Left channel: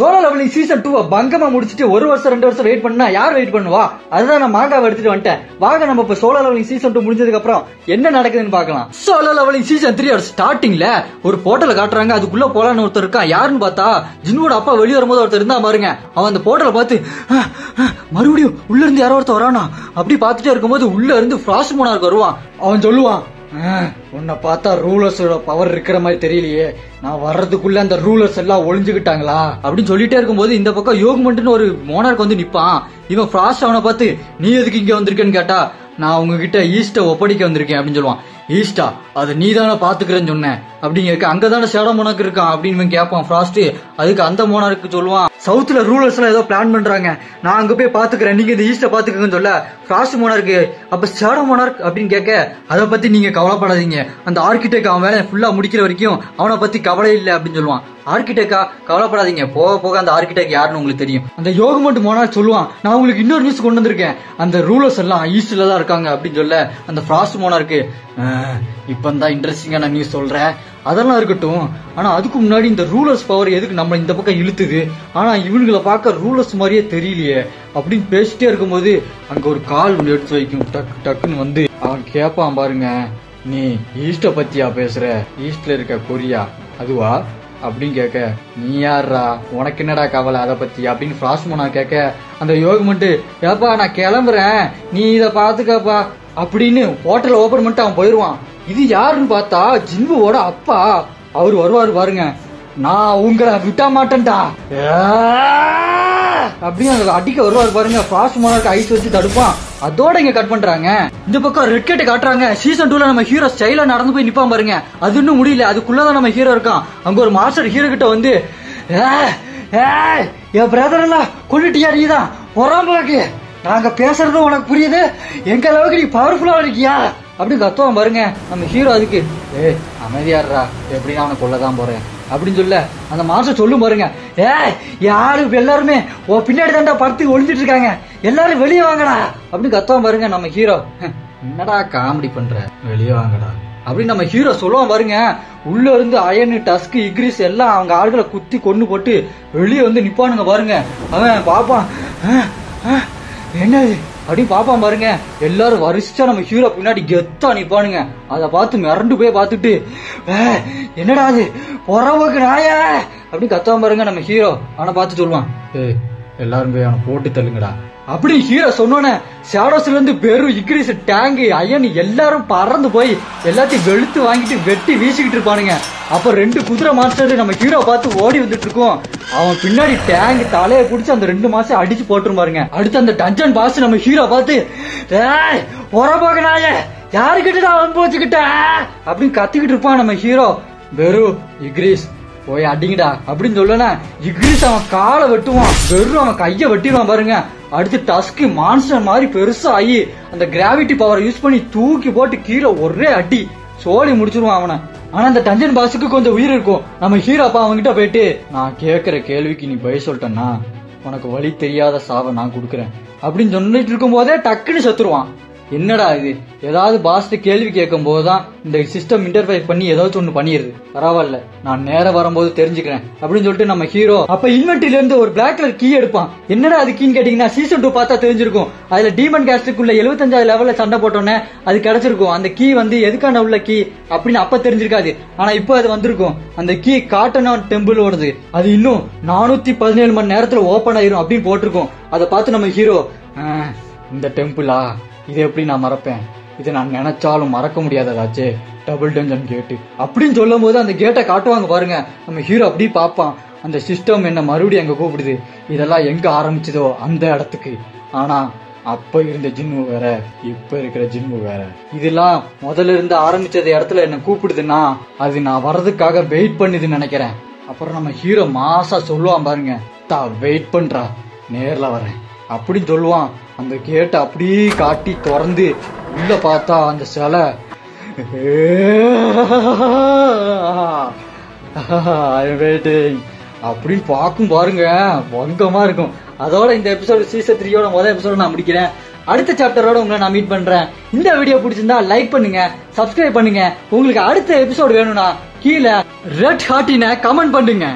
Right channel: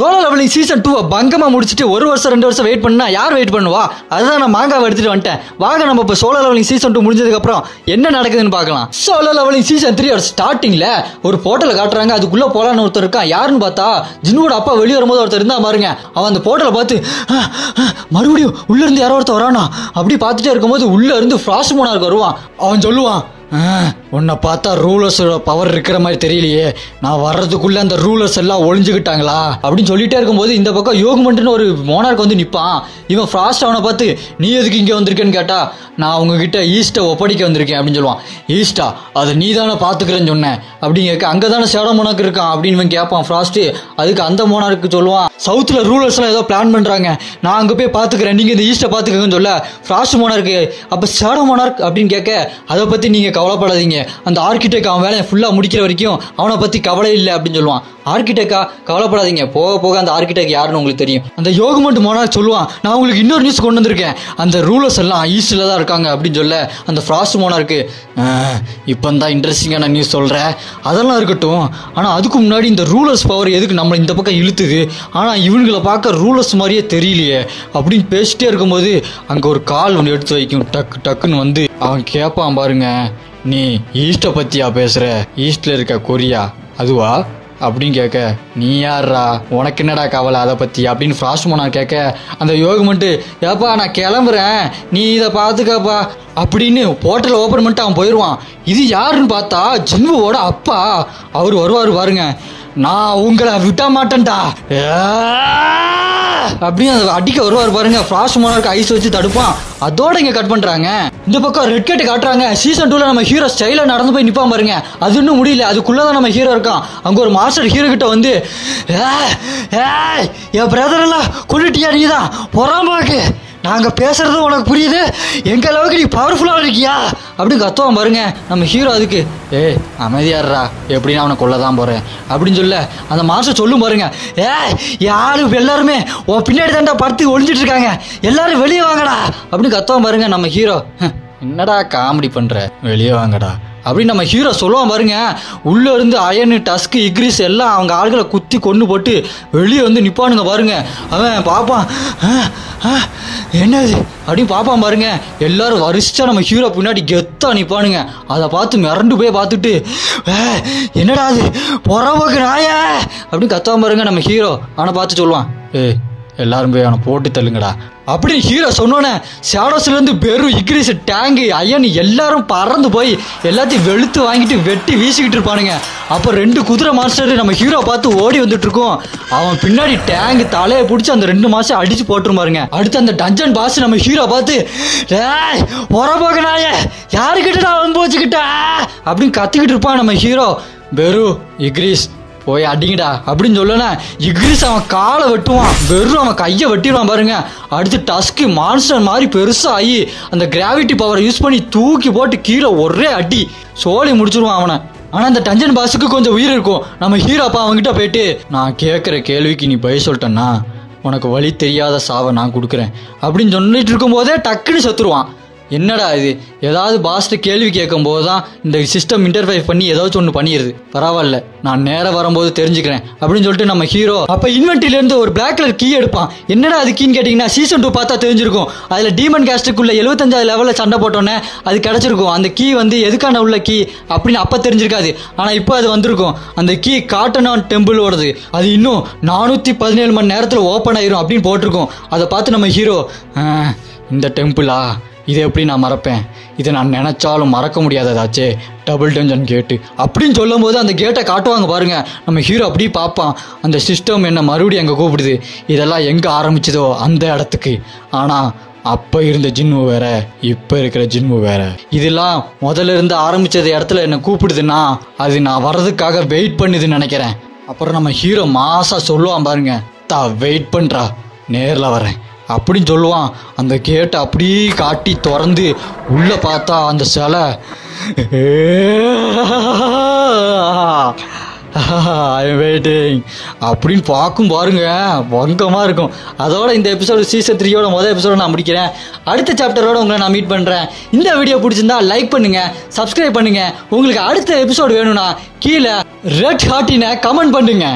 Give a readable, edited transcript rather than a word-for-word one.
Solo levelling season 2 பங்கமா முடிச்சுட்டு 1 வருஷம் 2 வருஷம் வெயிட் பண்ணா யார் வெயிட் பண்ணுவா? அதுதான் நான் மாங்காவை எடுத்துட்டு வந்துட்டேன். வாங்க நம்ம இப்ப சோலோ லெவலிங் சீசன் 2 முடிஞ்சதுக்கு அப்புறம் என்ன நடக்குதுன்னு பார்க்கலாம். சோலோ லெவலிங் சீசன் 3 ஸ்டார்டிங்ல ஒரு போர்ட்டல காட்டுறாங்க. அதுக்குள்ள போலான்னு ஒருத்தர் இருக்கான். யாருன்னு பார்த்தா ஜின்னுவோட அப்பா வெளியே வரும்போது ஒருத்தர் இருந்தா பாருங்க. அவன் அந்த போர்ட்டலை பார்த்து மறுபடியும் உள்ள இருந்து யாரோ ஒருத்தர் வரானா அப்படி பார்த்துட்டே இருக்கும்போது உள்ள இருந்து ஃப்ராஸ்ட் மோனார்க் வருவான். அவன் சொல்லுவான், உன்னை பார்த்தா ரூலர்ஸோட பவர் இருக்கிற மாதிரி தெரியலையே, நான் வர்றதுக்குள்ள அந்த ரூலர்ஸ் எல்லாம் ஒளிஞ்சுக்கிட்டாங்களா அப்படின்னு சொல்லிட்டே இருக்கும்போது இந்த பக்கம் யோகமன்ட்னு ஒரு மோனார்க் வந்து நிப்பான். இவன் ஃப்ராஸ்ட் அவனை பார்த்து நீ எதுக்கு இங்க வந்திருக்கேன்னு கேட்டா, நான் உங்ககிட்ட ஈஸ்ட்டை ஒப்படைக்க வந்திருக்கேன் அப்படின்னு சொல்லுவான். ஈஸ்டா அதை நீ தானே பாத்துக்கிறேன்னு சொன்னேன் அப்படிங்க. அங்கதானே ஷேடோ மோனார்க் இருக்கான் அப்படின்னு கேட்பான் ஃப்ராஸ்ட். அதுக்கு அந்த மோனார்க்கு சொல்லுவான், சவுத்துல ரூலர்ஸ் எல்லாம் ஏதோ பிளான் பண்றாங்க, நான் அங்க போய் பாத்துக்கிறேன், நீங்க இந்த ஈஸ்ட்டை பாத்துக்கன்னு சொல்ல ஃப்ராஸ்ட் மோனார்க்கு அப்ப ஷேடோ மோனார்க் அப்படின்னு கேட்க, அதை பத்தி நீங்க கவலைப்படாதீங்க, அந்த ஆர்கிடெக்ட் அவன் வேலையை ஃபுல்லா முடிக்கிற வரைக்கும் அவனை பத்தி கவலை இல்லை அப்படின்னு சொல்லுவான். ஆர்கிடெக்டா கவலைப்படாதீங்க, போக போக அந்த ஆர்கிடெக்ட் யாருன்னு உங்களுக்கு தெரியும். அந்த யோகமன்ட் மோனார்க் சொல்லுவான், நான் உங்களுக்கு இன்னொரு நியூஸ் கொண்டு வந்திருக்கேன், அந்த ரூலர்ஸ் எல்லாம் ஈஸ்ட்ல தான் இருக்காங்க அப்படின்னு சொல்ல அந்த ஃப்ராஸ்ட் மோனார்க்கு இப்பந்தான் இன்ட்ரெஸ்டிங்கான நியூஸ் சொல்றேன், அதெல்லாம் இருக்கட்டும், ஆனா அதுக்கு முன்னாடி இந்த ரூலர்ஸ் பவர் எதுக்கு நம்ம இந்த பக்கம் இழுத்துது, ஆனா இவங்களை பார்க்க ரூலர்ஸ் மாதிரியே தெரியலையே அப்படின்னு பேசிட்டே இருக்கும்போது அங்க ஒரு கால் ஒன்று எடுத்து வைக்கும். டக்குன்னு வந்து அவன் கேட்பான் பாருங்க, நீ ஈஸ்ட்டை பத்தியா பேசுற, ஈஸ்ட்ல இருக்க கொரியா அதுவா அப்படின்னு கேட்க, நீ யாரா, உனக்கு என்னடா கவலை அதை பத்தி அப்படின்னு ஃப்ராஸ்ட் மோனார்க் கேட்க, அந்த யோகமன்ட் ஏப்பா நான் கிளம்புறேன், நீ இதை பாத்துக்கப்பா அப்படின்னு போர்ட்டலை ஓபன் பண்ணிட்டு அவன் போயிடுவான். இது யாருன்னு பார்த்தா ஜின்வுவோட அப்பா. அவரு வருவாரு பாருங்க, நான் உங்களை விட்ட மாட்டேன்டா அப்படின்னு அடிக்க வருவார் பாருங்க. ஃப்ராஸ்ட் மோனார்க் ஐஸ் வச்சு தடுப்பான். அதோட இங்க கட் பண்றாங்க. இந்த பக்கம் ரெட் கேட் காட்டுறாங்க. சீசன் 2ல நம்ம ஹீரோ ஸ்டைலா நடந்து போய் நிப்பான் பாருங்க. அது இன்னும் முடியல, அதுக்குள்ளதான் நம்ம ஹீரோ இருக்கான். அங்க ஒரு மாஸ்டர் ஹீரோ கிட்ட வந்து, என் பிரதர் எல்லாம் கொண்டுட்டியா, நீதான் பொறாமக்கு, நாங்க பேசுறது உனக்கு புரியுது, எங்க அளவுக்கு நீ பவர்ஃபுல்லா இருக்கியா அப்படின்னு கத்துவான் பாருங்க நம்ம ஹீரோ. அதுக்கு அமைதியாடுறா, எப்படின்னு அவனை கொல்லதான் போறேன் அப்படின்னு சொல்ல அந்த மாஸ்டர் சொல்லும் பாருங்க, யாரு எல்லாருமே பின்னாடி தாண்டா படுத்து ஒளிஞ்சிட்டு இருக்காங்க, எல்லாரும் வெளியே வாங்கடா அப்படின்னு கத்துவான் பாருங்க நம்ம ஹீரோ. என்னடா காமெடி பண்ற, வெளியே வாங்கடா அப்படின்னு நம்ம ஹீரோ சொல்லுவான் பாருங்க. உள்ள இருந்து அயனு, டஸ்க், இக்ரிஸ் எல்லாம் அவங்க ஆளுகளை குத்தி கொண்டு போட்டு வெளியே வந்து நிப்பானுங்க பாருங்க. அவன் பாப்பான், என்னது அப்படின்னு பாப்பான் பாருங்க. எல்லாரும் வரிசையா நம்ம ஹீரோ பின்னாடி கெத்தா நிப்பானுங்க. அதை பார்த்து மிரண்டு போய் பார்த்துட்டு, என்னடா அது பொறவுக்கு நாயா அப்படின்னு கத்துவான் பாருங்க நம்ம ஹீரோ. அவனை பார்த்து சொல்லுவான், எல்லாரும் போய் அவனை போட்டு தள்ளுங்கடா அப்படின்னு ஹீரோ சொன்னோன்னே ஷேடோஸ்ல இருந்து பெரும் இக்ரிஸ், டேங்கு, அயன் எல்லாரும் பறந்து போய் எல்லாத்தையும் வெளுத்து வாங்கிட்டு வெட்டி வீசிக்கிட்டு இருப்பானுங்க. அப்போ 2 குதிரை மாஸ்டர் நம்ம ஹீரோ பார்த்து ஓடி வந்துட்டு இருக்கோம். அவன் பின்னாடி டேங்க் தலையை பிடிச்சி அந்த 2 மாஸ்டர் அடிச்சு போட்டுரும் பாருங்க. அடுத்து அந்த டஞ்சன் பாஸ் நம்ம ஹீரோ பார்த்து, பொறப்பாக்கனாய யாருக்கிட்ட அனுபவிச்சுக்கிட்ட அப்படின்னு கத்திக்கிட்டு இருப்பான் நம்ம ஹீரோ. பெரு, இக்ரிஸ் போய் அடிங்கடா அப்படின்னு சொல்லனா இக்ரிஸ் அவன் காலை வெட்டுவான், வெறும் அவன் கையை வெட்டிடுவான் பாருங்க. அடுத்து டஸ்க் மான்ஸ்டர் மாதிரி பெருசா ஆகி அந்த கிராவிட்டி பவரை யூஸ் பண்ணி தூக்கி போட்டு கீழே ஒரே அடி சோழி முடிச்சிருவான் அவனை. ஆனா அந்த டஞ்சன் பாஸுக்கு கொஞ்சம் உயிர் இருக்கும். நம்ம ஹீரோ அப்பா அவன்கிட்ட போயிட்டு, நான் கேட்குற கேள்விக்கு நீ பதில் சொல்லிட்டேன்னா உனக்கு வழி தெரியாத சாவை நான் கொடுக்குறேன் அப்படின்னு சொல்லிட்டு இருக்கும் போதே டக்குன்னு செத்துருவான். என்னடா இது, ஏதாவது பாஸ்ட் கேள்வி கேட்கும் போதுதான் இந்த சிஸ்டம் இன்டர்ஃபேஸ் பண்ணி ஏதாச்சும் ஒன்று பண்ணிடுது, பரவாயில்ல நான் நேரம் வரும்போது தெரிஞ்சுக்கிறேன் அப்படின்னு சொல்லிட்டு நம்ம ஹீரோ அப்ப இன்வென்ட்ரில இருந்து ஒரு பிளாக் கலர் கீ எடுப்பான். என்னடா அது கீன்னு கேட்டீங்கன்னா சீசன் 2 பார்த்தா தெரிஞ்சிருக்கும். அதுல டீமன் கேஸ்டுக்குள்ள 75 லெவல்ல சண்டை போட்டோன்னே அது கிடைச்சிருக்கும். அந்த கீ வந்து எதுக்கான உள்ள கீ அப்படின்னு அப்ப தெரிஞ்சிருக்காது, ஆனா இப்போ அது வந்திருக்கும். அந்த கீ காட்டனான் டெம்பிள் ஓடுது, அது இன்னும் 417 மணி நேரத்துல ஓப்பன் ஆயிரும் அப்படின்னு போட்டிருக்கும். அதை பார்த்து நம்ம ஹீரோ, இந்த டெம்பிளா, இதை எப்படி நான் மறப்பேன், இதை நான் நினைச்சாலும் மறக்க முடியாததாச்சே, டபுள் டஞ்சன் கேட்டு அப்படின்னு சொல்லும் போது அந்த கேட்டை காட்டுவாங்க பாருங்க. நம்ம ஹீரோ அப்படி பார்ப்பான், அந்த சிஸ்டம் என்ன மறுபடியும் அங்கே கூப்பிடுது, இதெல்லாம் எங்கே ஆரம்பிச்சதோ அந்த இடத்துக்கு. ஆனால் அப்போ இருந்த ஜின்வு வேற, இப்போ இருக்கிற ஜின்வு வேற. இதெல்லாம் முதல்ல இருந்து ஆரம்பிச்சது இடத்துல என்ன கூப்பிடுதுன்னா அது நான் வர்றதுக்காக வெயிட் பண்ணுதுன்னு நினைக்கிறேன். அப்புறம் நம்ம ஹீரோ மாசா சொல்லுவான் பாருங்க, வெயிட் பண்ணுறா, நேரில் வரேன் அப்படின்னு சொல்லுவான். அந்த கேட்டை அப்படியே காட்டி திறந்து உள்ள பார்த்தா அந்த சிலை வெயிட்டிங் அப்படின்னு பார்க்கும் பாருங்க, வங்கமாக இருக்கும். அதோட இந்த எபிசோடு சீசன் 3யோட முதல் எபிசோட நான் முடிக்கிறேன். அடுத்த சாப்டரோட உங்களை நான் மீட் பண்ணுறேன். இந்த வீடியோ பிடிச்சிருந்தா லைக் பண்ணுங்க, சப்ஸ்கிரைப் பண்ணுங்க. உங்களுக்கு அடுத்த எபிசோடு வேணும்னா கீழே ரெட் ஹார்ட்டினை கமெண்ட் பண்ணுங்க.